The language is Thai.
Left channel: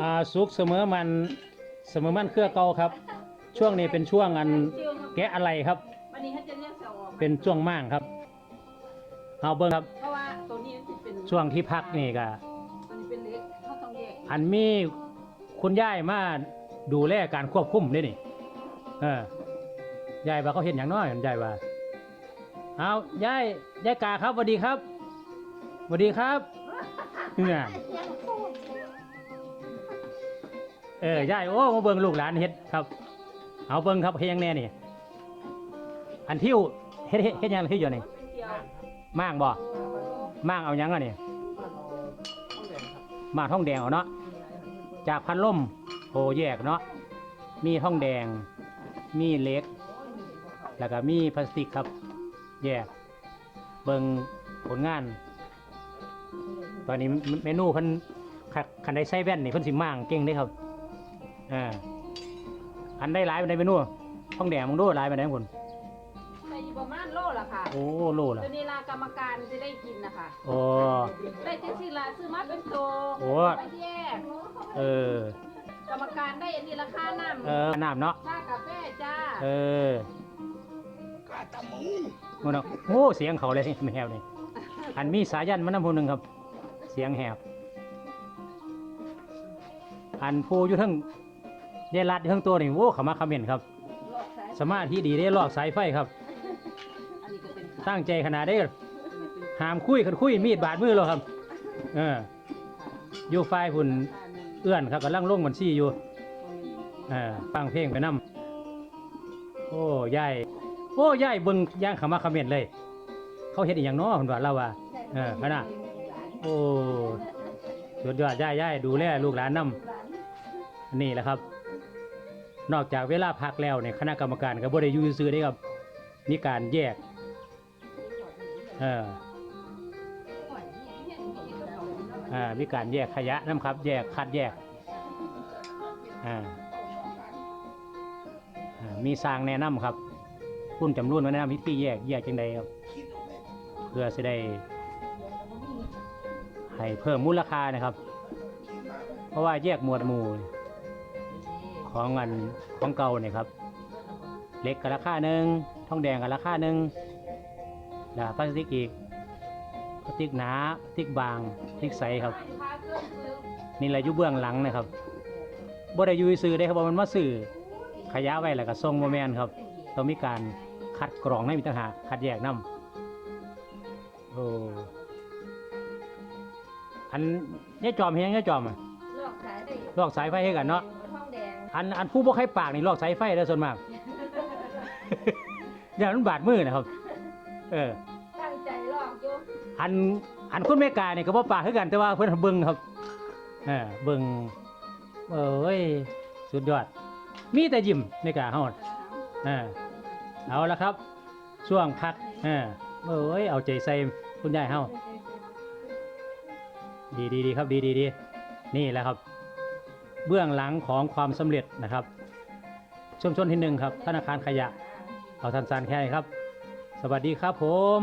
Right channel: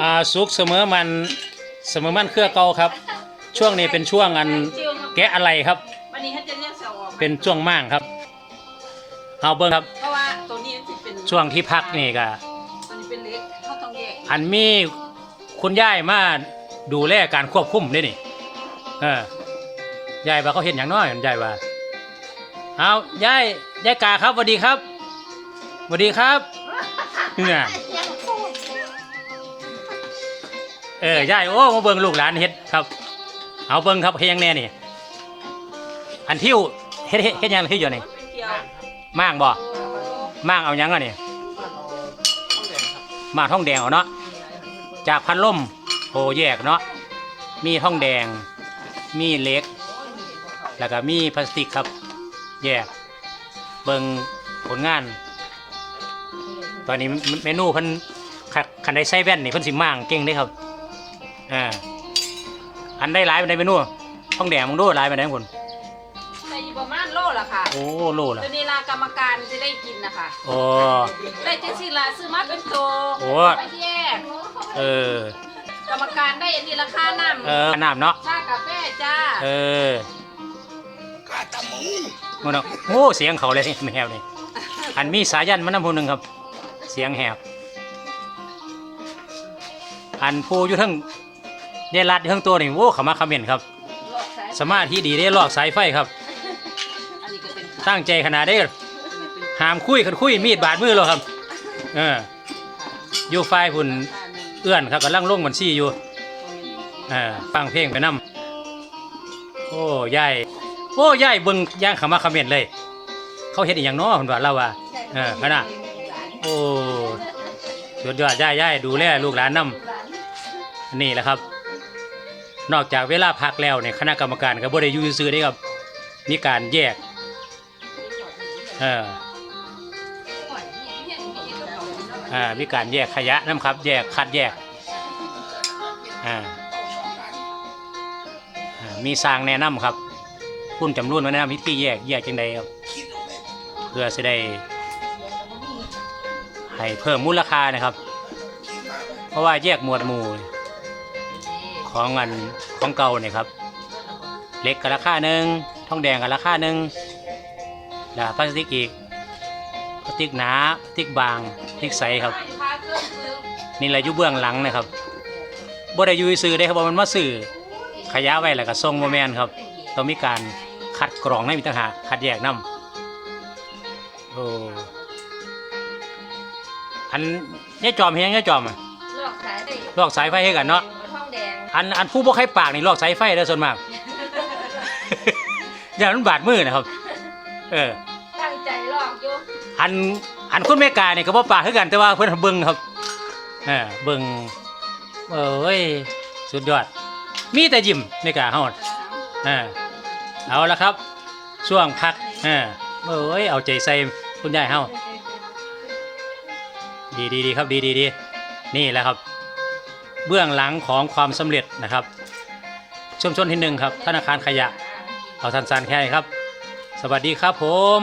อ่าสุกเสมอมันเสมอมันเครือเก่าครับ ช่วงนี้เป็นช่วงอันแกะอะไรครับ วันนี้ท่านจะเรียกเสาออกเป็นช่วงม่างครับเอาเบิ้งครับ เพราะว่าตัวนี้มันสิเป็นช่วงที่พักนี่ก็ตัวนี้เป็นเล็กเขาต้องแยกอันมีคุณย่ายมาดูแลการควบคุมด้วยนี่เออยายว่าเขาเห็นอย่างน้อยยายว่าเอายายยายกาครับสวัสดีครับสวัสดีครับเนี่ย เออยายโอ้มาเบิ่งลูกหลานเฮ็ดครับ เอาเบิ่งครับเฮ็ดยังแน่นี่ อันทิวเฮ็ดเฮ็ดเฮ็ดยังที่อยู่นี่เป็นเกียวม่างบ่ม่างเอาหยังอะนี่มาท่องแดงเอาเนาะจากพันล่มโหแยกเนาะมีท่องแดง มีเล็ก แล้วก็มีพลาสติกครับ แยก เบิงผลงาน ตอนนี้เมนูเพิ่นขันได้ใส่แว่นนี่เพิ่นสิมั่างเก่งเด้ครับ อ่าอันได้หลายไปในเมนูท่องแดงมึงดูหลายไปไหนคนใส่อยู่ประมาณโลละค่ะโอ้โลละตัวนี้ลากรรมการจะได้กินนะคะโอ้ได้จังสิละซื้อมาเป็นตัวโอ้ไปแยกเออกรรมการได้อันนี้ราคาน้ำเออน้ำเนาะชากาแฟจ้าเออมันเนาะโอ้เสียงเขาเลยแมวนี่อันมีสายันมันน้ำพูหนึ่งครับ เสียงแหบอันผู้อยู่ทั้ง เดรัดอยู่ทั้งตัวนี่โว้เขามาคอมเมนต์ครับ ลอกสาย สมาธิดีได้ลอกสายไฟครับ อันนี้ก็เป็นตั้งใจขนาดได้หามคุยคันคุยมีดบาดมือแล้วครับ เอออยู่ไฟพุ่นเอื้อนครับกำลังลงบัญชีอยู่อ่าฟังเพลงไปนำโอ้ยายโอ้ยายเบิ่งย่างเขามาคอมเมนต์เลย เขาเฮ็ดอีหยังน้อคุณว่าเราว่าเออขนาด โอ้สุดยอดยายยายดูแลลูกหลานนำนี่แหละครับ นอกจากเวลาพักแล้วเนี่ยคณะกรรมการก็บ่ได้อยู่ซื่อๆเด้ครับมีการแยกเอออ่ามีการแยกขยะน้ำครับ แยกคัดแยกอ่าอ่ามีสร้างแนะนำครับคุณจำรุ่นมาแนะนำวิธีแยกแยกจังใดครับเพื่อจะได้ให้เพิ่มมูลค่านะครับ เพราะว่าแยกหมวดหมู่ ของอันของเก่าเนี่ยครับเหล็กกับราคาหนึ่งทองแดงกับราคาหนึ่งแล้วพลาสติกอีกพลาสติกหนาพลาสติกบางพลาสติกใสครับนี่แหละอยู่เบื้องหลังนะครับบ่ได้อยู่ซื้อได้ครับว่ามันมาซื้อขยะไว้แล้วก็ส่งโมแมนครับต้องมีการคัดกรองให้มีต่างหากคัดแยกน้ำโอ้อันเนี่ยจอมเฮียงเนี่ยจอมอะหลอกสายได้ลอกสายไฟให้กันเนาะท องแดงอันอันผู้บ่ใครปากนี่ลอกสายไฟได้อส่วนมาก อย่างนั้นบาดมือนะครับ เออ ตั้งใจหลอกอยู่อันอันคุณแม่กาเนี่ยก็บ่ปากคือกันแต่ว่าเพิ่นเบิ่งครับเออเบิ่งเอ้ยสุดยอด มีแต่ยิ้มแม่กาเฮาเออเอาละครับ ช่วงพักเออเอ้ยเอาใจใส่คุณยายเฮาดีดีดีครับดีดีดีนี่แหละครับ เบื้องหลังของความสำเร็จนะครับชุมชนที่หนึ่งครับธนาคารขยะเอาสันๆแค่นี้ครับ สวัสดีครับผม